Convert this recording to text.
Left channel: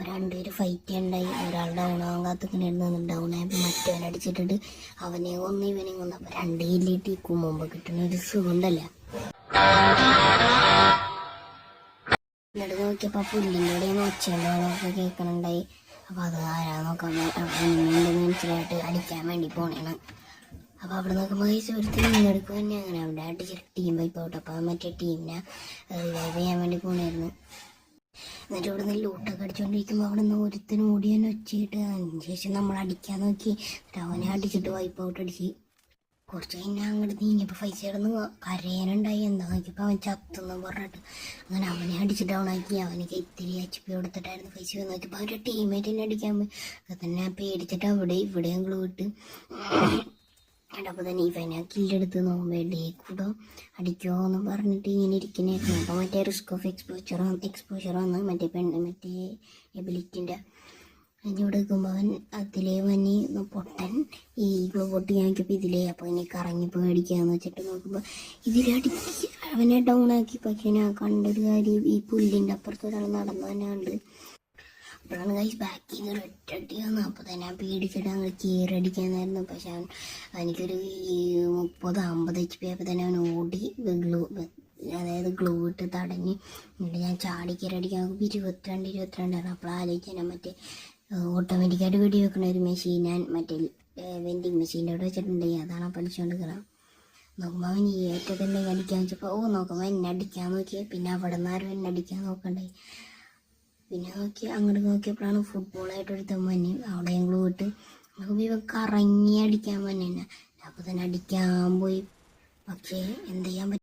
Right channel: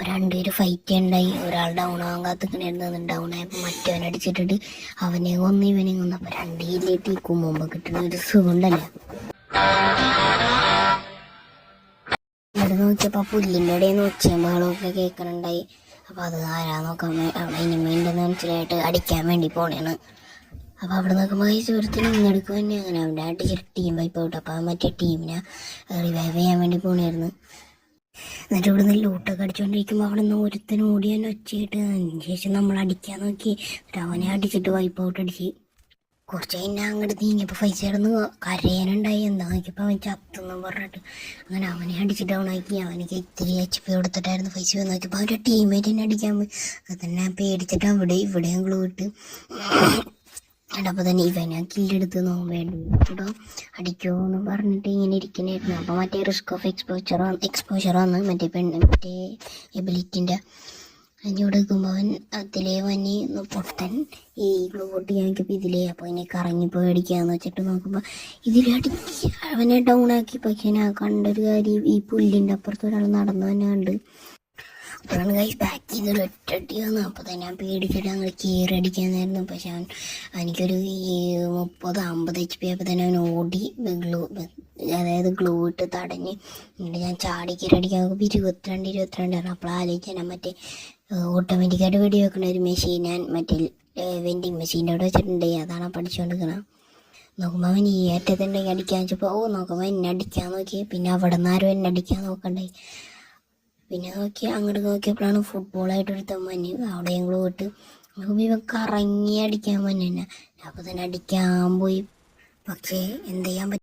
അപ്പോൾ രണ്ടുപേര് ഫൈറ്റ് ഉണ്ടായി. ഒരാൾ ഡൗൺ ആവാൻ കാത്തിക്കണായിരുന്നു. ഡൗൺ ആയപ്പോൾ മറ്റവനെ അടിച്ചിട്ടിട്ട് അവനെ കൊന്ന് ഇവനെ കൊന്ന്. അപ്പോൾ രണ്ടേലിട്ട് മുമ്പ് കിട്ടുന്ന ഒരു സുഖമുണ്ടല്ലോ. ഇവിടെ നോക്കിയപ്പോൾ പുല്ലിൻ്റെ ഇടയിൽ ഒച്ചയുണ്ടാളൊക്കെ കേൾക്കണുണ്ടായി. അപ്പോൾ അത് ആരാ നോക്കാൻ ഇനിമേണ്ടെന്ന് മനസ്സിലായിട്ട് അടിക്കാൻ വേണ്ടി പോണേണ്. അപ്പോൾ അവിടെ നോക്കുമ്പോൾ ഈ സുഹൃത്തിന് ഇങ്ങെടുക്കും തന്നെ അങ്ങനെ അവിടെ അടിച്ചിട്ട് ടീം വൈപ്പ് ഔട്ട്. അപ്പോൾ മറ്റേ ടീമിനെ റിവൈവ് ചെയ്യാൻ വേണ്ടി പോണായിരുന്നു. എന്നിട്ട് ഇവിടെ നിന്ന് ലൂട്ടൊക്കെ അടിച്ചുകൊണ്ടിരിക്കുമ്പോൾ അവിടെ നിന്ന് ഒരുത്തനും ഓടി തന്നെ ഒച്ചയായിട്ട് അതിന് ശേഷം നമ്മൾ അടിക്കാൻ നോക്കി. അവനെ അടിച്ചിട്ട് വൈപ്പ് ഔട്ട് അടിച്ച് കുറച്ച് കഴിഞ്ഞാൽ അങ്ങോട്ട് നീങ്ങിയപ്പോൾ പൈസ കിടന്ന് കരയാനുണ്ടായി. എന്താ നോക്കിയപ്പോൾ അവൻ ചത്തെന്ന് പറഞ്ഞിട്ട് അങ്ങനെ അവനെ അടിച്ചിട്ട് ഡൗണാക്കി. അവനക്ക് ഇത്തിരി HP കൊടുത്തിട്ടായിരുന്നു പൈസ വന്ന് നോക്കിയപ്പോൾ അവൻ്റെ ടീമേറ്റ് തന്നെ അടിക്കാൻ പോയി. അത് തന്നെ പേടിച്ചിട്ട് ഇവിടെയും ഗ്ലൂ ഇട്ട് അപ്പോൾ തന്നെ ഇവനെ കില്ലെടുത്ത് വേണ്ടി കൂടെ അടിക്കുമോ എന്ന് പറഞ്ഞിട്ട് ഇങ്ങനെ ഇരിക്കണായിരുന്നു. അപ്പോൾ മറ്റേ റിസ്ക് ഓഫ് എക്സ്പോഷർ വന്ന് മറ്റേ എബിലിറ്റിൻ്റെ അതിലൂടെ എടുക്കുമ്പോൾ അവൻ അതിലേ വന്നി പൊട്ടൻ ഈ ഗ്ലൂ പൊട്ടി നോക്കിയപ്പോൾ ഇതിലേ. അപ്പോൾ ഇനി കറങ്ങിപ്പോയി അടിക്കാന്ന് വെച്ചിട്ട് നോക്കുമ്പോൾ ഇതിലടിക്കുക അവനെ ഡൗൺ ആക്കി. പക്ഷേ ഞാൻ കണ്ടൊരു കാര്യം, ഈ പുല്ലിൻ്റെ അപ്പുറത്ത് ഒരാൾ നടന്നു തന്നെ കണ്ട്. അപ്പോഴാണ് കൈ ബാക്ക് ചെയ്തൊരു ഒറ്റടി വന്നു. അപ്പോൾ തന്നെ ഞാൻ പേടിച്ചിട്ട് അങ്ങനെ കയറി അടിക്കാനായിരുന്നു. പക്ഷെ എനിക്കൊരു 30-50 HP ആയപ്പോൾ തന്നെ അവൻ ഓടി ഗ്ലൂ ഇട്ട് തടഞ്ഞ്. എന്നിട്ട് ഞാൻ ചാടി കയറി അടിക്കാൻ നോക്കുമ്പോൾ 22 അപ്പോൾ ആലോചിച്ചാൽ മറ്റേ ഓട്ടോമാറ്റിക്കായിട്ട് വെടി വെക്കണ ഒരു മെഷീൻ ഞാൻ മറ്റേ വെൻഡിങ് മെഷീൻ്റെ അവിടെ വെച്ചിട്ടുണ്ട്. അതാണ് പഠിച്ചുകൊണ്ടിരിക്കണം. നോക്കുമ്പോൾ അവൻ ഈ ഏറ്റത്തുണ്ടെങ്കിൽ അടിക്കാൻ വെച്ചപ്പോൾ നോക്കുമ്പോൾ എന്നെ അടിക്കാൻ നോക്കിയാൽ പിന്നെ അവിടെ നിന്ന് ആരും എന്നെ അടിക്കാൻ നോക്കണ്ടായി. പിന്നെ അങ്ങോട്ട് നോക്കിയപ്പോഴാണ് ഫുട്ബോളായിട്ടൊരു തമ്മന് അവിടെ ഞങ്ങൾ പോയിട്ട് നോക്കുമ്പോൾ ഇവ കറങ്ങി അടിക്കാൻ തന്നെ. അപ്പോൾ തന്നെ അടിക്കാൻ പോയി. പക്ഷേ എന്ത് ചെയ്യാൻ പറ്റും.